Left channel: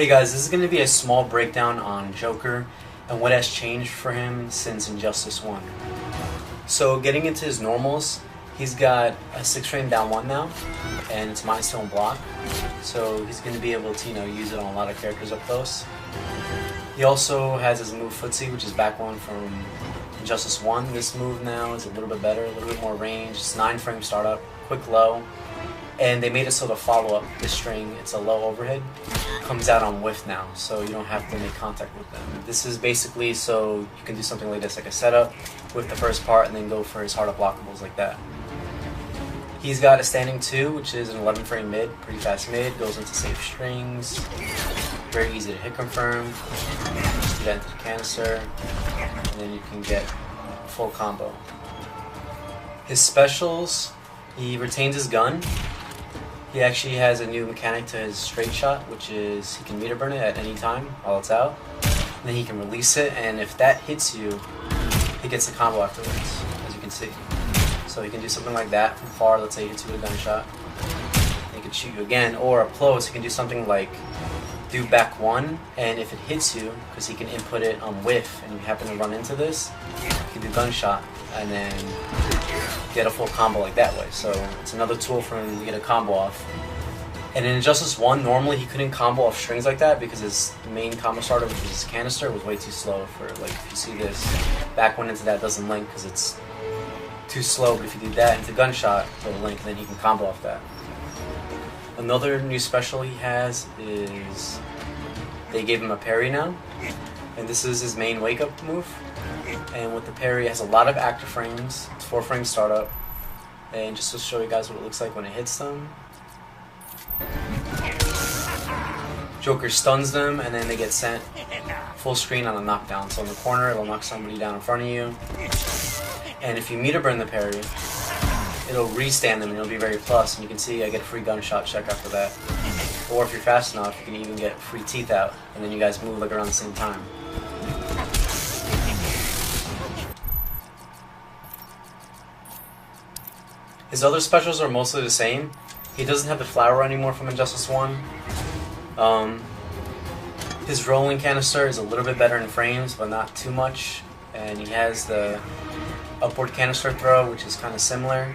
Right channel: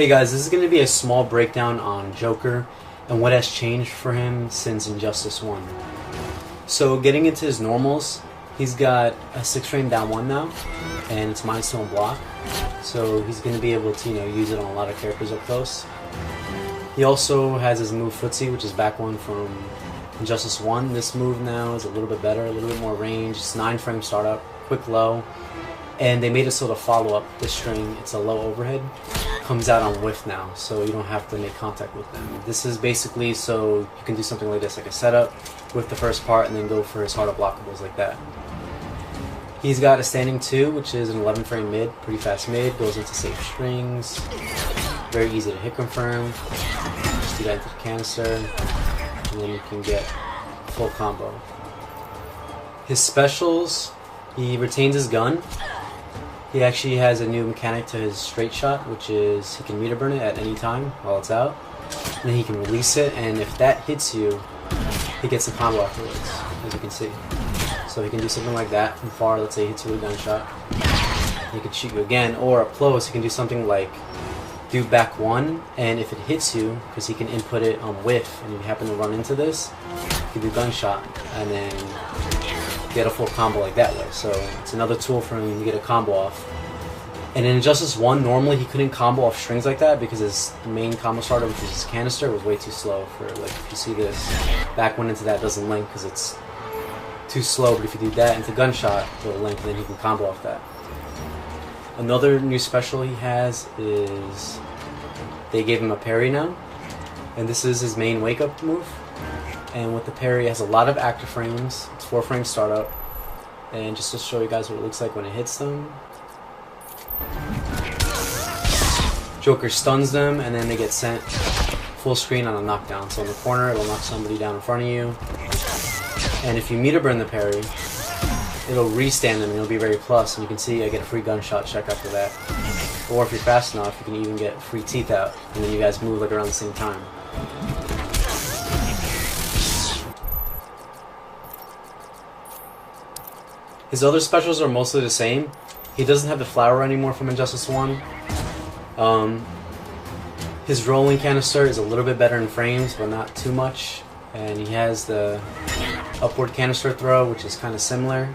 Hey guys, this is going to be a small breakdown on Joker and what has changed for him since Injustice 1. So getting into his normals, he's got a 6 frame down 1 now, and it's milestone block. So he's going to be able to use it on a lot of characters up close. He also has his move Footsie, which is back 1 from Injustice 1. This move now is a little bit better, a little bit more range. It's 9 frame startup, quick low. And they made it so the follow-up, this string, it's a low overhead, comes out on whiff now, so you don't have to make contact with them. This is basically so you can do something like this, like a setup with the first part and then go for his harder blockables like that. He's got a standing 2, which is an 11 frame mid, pretty fast mid, goes into safe strings, very easy to hit confirm, just do that into the canister, and then you can get full combo. His specials, he retains his gun. He actually has a new mechanic to his straight shot, which is he can meter burn it at any time while it's out. And then he can release it, and if that hits you, he gets the combo afterwards, as you can see. So he can do something like that from far, let's say he hits you with a gunshot. He can shoot you again, or up close, he can do something like do back 1, and if it hits you, because he can input it on whiff, and you happen to run into this, you can do gunshot, and then get a full combo like that way. So it's another tool for him to get a combo off. And in Injustice 1, normally he couldn't combo off strings like that because his main combo starter, which is his canister, was way too slow for, like, if you see this, back 1 into that doesn't link because it's too slow, but if you do that into gunshot, it'll link, and then he can combo off that. Another new special he has is they gave him a parry now, and this is his main wake-up move. And with the parry, it has a lot of active frames. It's 4 frame startup. And just to show you guys what it looks like when it hits them. Joker stuns them, and then they get sent full screen on a knockdown. So in the corner, it'll knock somebody down in front of you. And if you meter burn the parry, it'll restand them, and it'll be very plus. And you can see I get a free gunshot check after that. Or if you're fast enough, you can even get free teeth out. And then you guys move like around the same time. His other specials are mostly the same. He doesn't have the flower anymore from Injustice 1. His rolling canister is a little bit better in frames, but not too much. And he has the upward canister throw, which is kind of similar.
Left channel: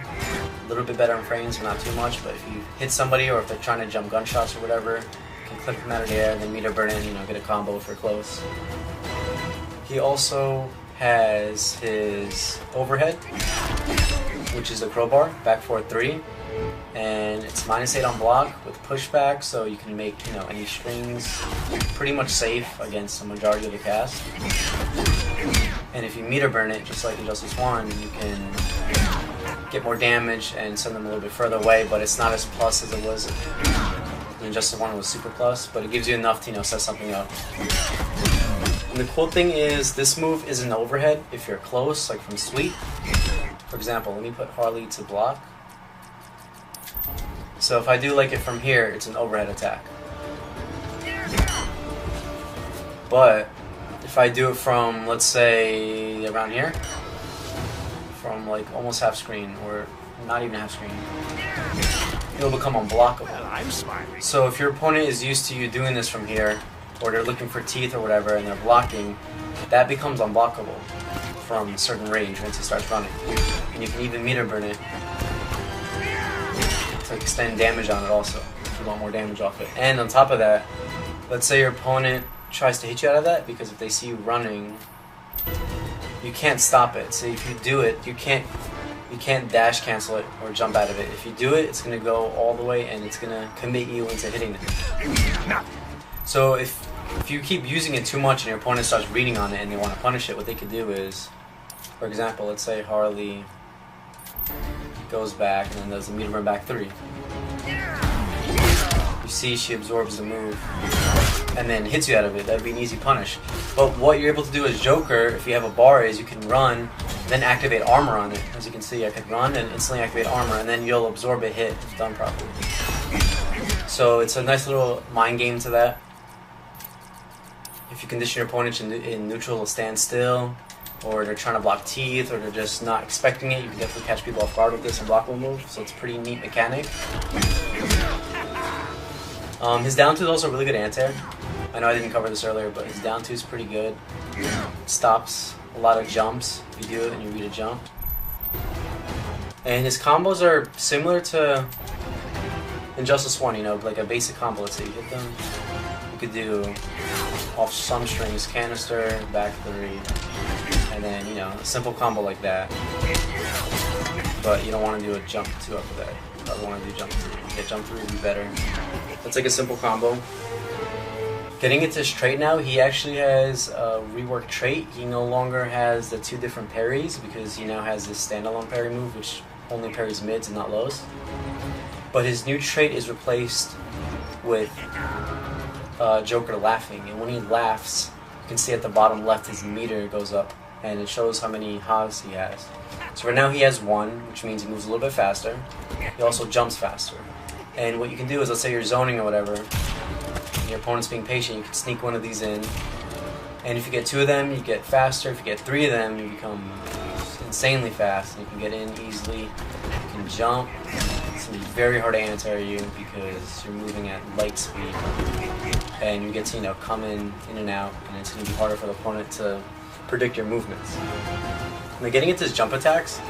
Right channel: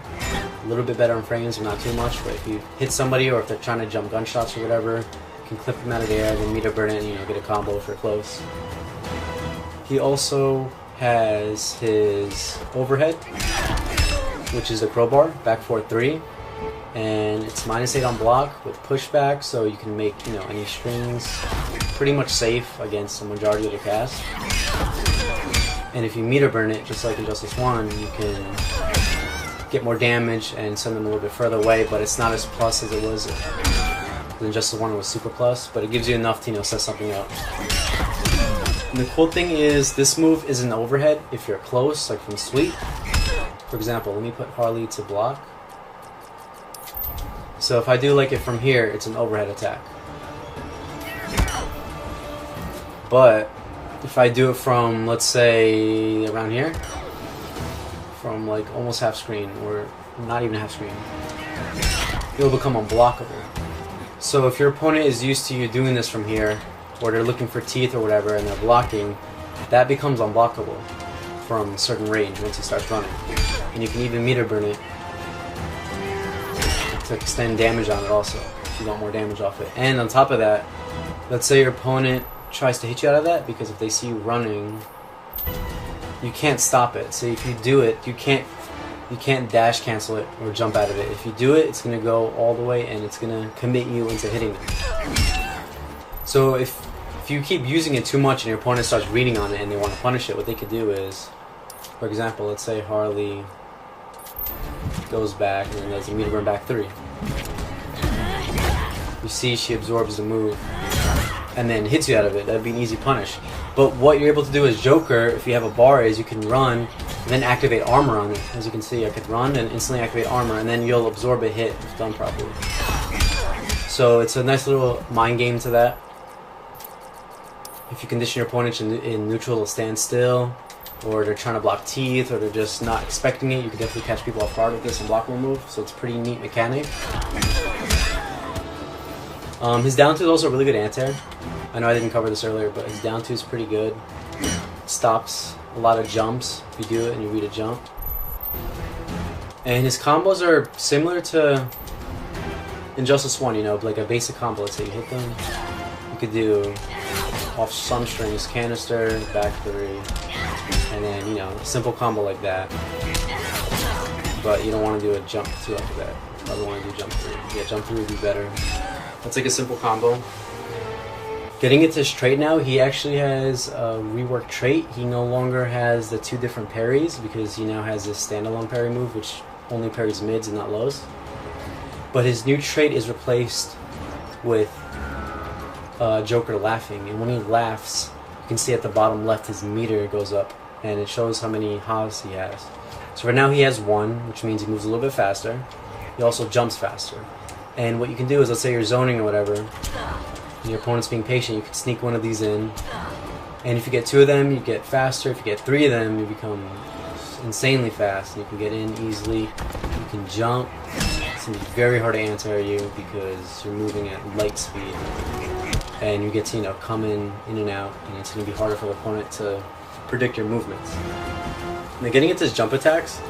A little bit better in frames, but not too much. But if you hit somebody, or if they're trying to jump gunshots or whatever, you can clip them out of the air, then meter burn it, and get a combo if you're close. He also has his overhead, which is a crowbar, back 4-3, and it's -8 on block with pushback, so you can make any strings pretty much safe against the majority of the cast. And if you meter burn it, just like Injustice 1, you can get more damage and send them a little bit further away, but it's not as plus as it was when Injustice 1 was super plus, but it gives you enough to set something up. And the cool thing is, this move is an overhead if you're close, like from Sweep. For example, let me put Harley to block. So if I do like it from here, it's an overhead attack. But if I do it from, let's say, around here, from like almost half screen, or not even half screen, it'll become unblockable. So if your opponent is used to you doing this from here, or they're looking for teeth or whatever, and they're blocking, that becomes unblockable from a certain range once it starts running. And you can even meter burn it to extend damage on it also, if you want more damage off it. And on top of that, let's say your opponent tries to hit you out of that, because if they see you running, you can't stop it. So if you do it, you can't dash cancel it or jump out of it. If you do it, it's going to go all the way, and it's going to commit you into hitting it. So if you keep using it too much and your opponent starts reading on it and they want to punish it, what they could do is, for example, let's say Harley goes back and then does a meter burn back 3. You see she absorbs the move and then hits you out of it. That'd be an easy punish. But what you're able to do as Joker, if you have a bar, is you can run and then activate armor on it. As you can see, I could run and instantly activate armor, and then you'll absorb a hit if done properly. So it's a nice little mind game to that. If you condition your opponent in neutral to stand still, or they're trying to block teeth, or they're just not expecting it, you can definitely catch people off guard with this and blockable move, so it's a pretty neat mechanic. His down two is also a really good anti-air. I know I didn't cover this earlier, but his down 2 is pretty good. Stops a lot of jumps if you do it and you read a jump. And his combos are similar to Injustice 1, you know, like a basic combo. Let's say you hit them. You could do off some strings, canister, back 3, and then, you know, a simple combo like that. But you don't want to do a jump 2 after that. You probably want to do jump 3. Yeah, jump 3 would be better. That's like a simple combo. Getting into his trait now, he actually has a reworked trait. He no longer has the 2 different parries because he now has this standalone parry move, which only parries mids and not lows. But his new trait is replaced with Joker laughing, and when he laughs, you can see at the bottom left his meter goes up, and it shows how many ha's he has. So right now he has 1, which means he moves a little bit faster. He also jumps faster. And what you can do is, let's say you're zoning or whatever, and your opponent's being patient, you can sneak one of these in. And if you get 2 of them, you get faster. If you get 3 of them, you become insanely fast. And you can get in easily. You can jump. It's going to be very hard to anti you because you're moving at light speed. And you get to, you know, come in and out. And it's going to be harder for the opponent to predict your movements. Now, getting into his jump attacks,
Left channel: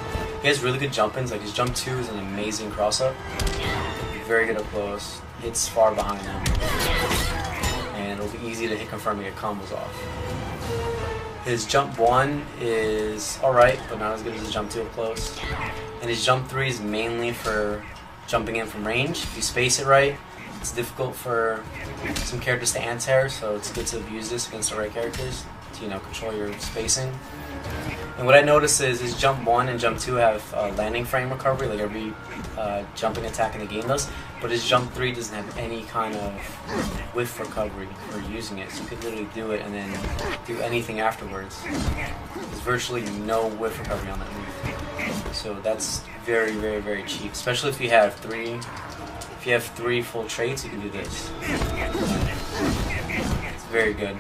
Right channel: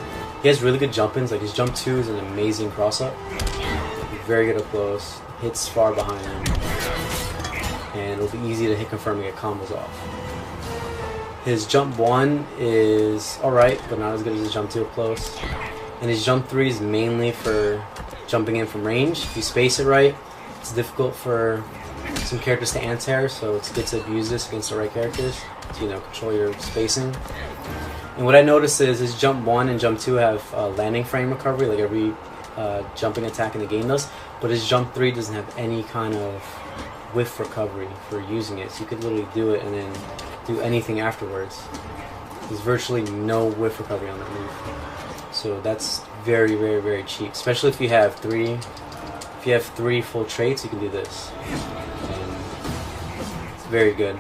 he has really good jump-ins. Like his jump 2 is an amazing cross-up. Very good up close. Hits far behind him. And it'll be easy to hit confirm and get combos off. His jump 1 is alright, but not as good as his jump 2 up close. And his jump 3 is mainly for jumping in from range. If you space it right, it's difficult for some characters to anti-air, so it's good to abuse this against the right characters to, you know, control your spacing. And what I noticed is his jump 1 and jump 2 have landing frame recovery, like every jumping attack in the game does, but his jump 3 doesn't have any kind of whiff recovery for using it, so you could literally do it and then do anything afterwards. There's virtually no whiff recovery on that move, so that's very, very, very cheap, especially if you have 3. If you have 3 full traits, you can do this. It's very good.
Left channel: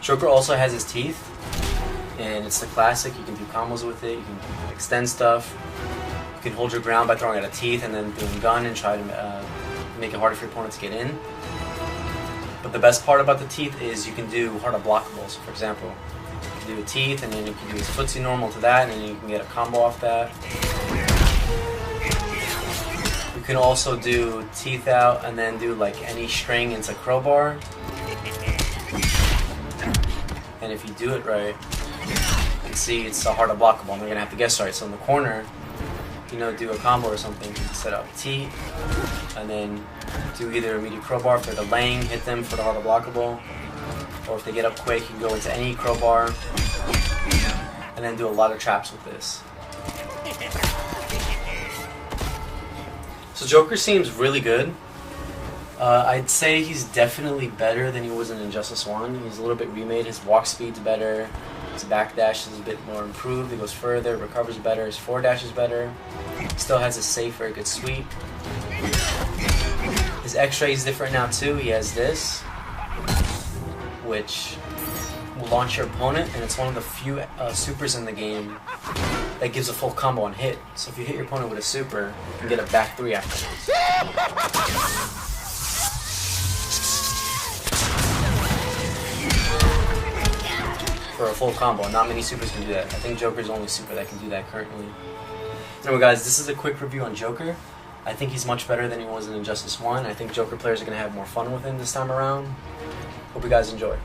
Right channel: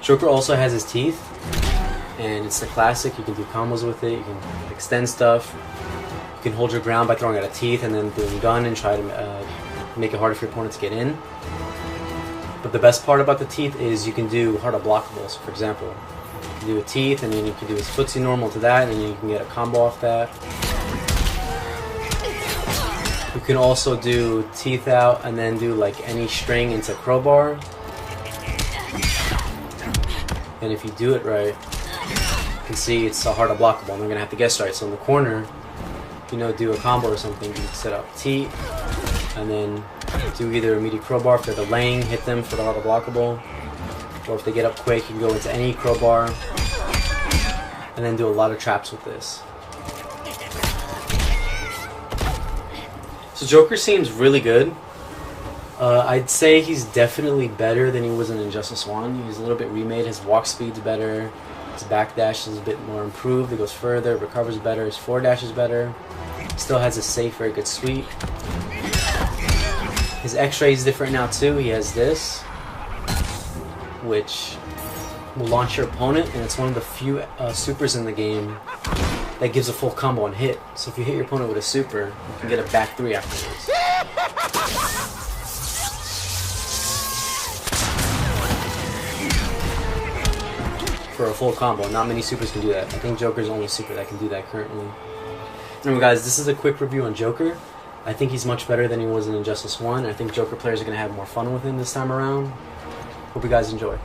Joker also has his teeth, and it's the classic. You can do combos with it, you can extend stuff, you can hold your ground by throwing out a teeth and then doing gun and try to make it harder for your opponent to get in. But the best part about the teeth is you can do hard unblockables. For example, you can do a teeth and then you can do his footsie normal to that, and then you can get a combo off that. You can also do teeth out and then do like any string into crowbar. And if you do it right, you can see it's a hard unblockable, and they're going to have to guess right. So in the corner, you know, do a combo or something, you can set up T, and then do either immediate crowbar if they're delaying, hit them for the hard unblockable, or if they get up quick, you can go into any crowbar, and then do a lot of traps with this. So Joker seems really good. I'd say he's definitely better than he was in Injustice 1. He's a little bit remade. His walk speed's better. His backdash is a bit more improved. He goes further, recovers better. His forward dash is better. Still has a safe, very good sweep. His X-ray is different now too. He has this, which will launch your opponent, and it's one of the few supers in the game that gives a full combo and hit. So if you hit your opponent with a super, you can get a back 3 afterwards. For a full combo. Not many supers can do that. I think Joker's the only super that can do that currently. Anyway guys, this is a quick review on Joker. I think he's much better than he was in Injustice 1. I think Joker players are going to have more fun with him this time around. Hope you guys enjoy.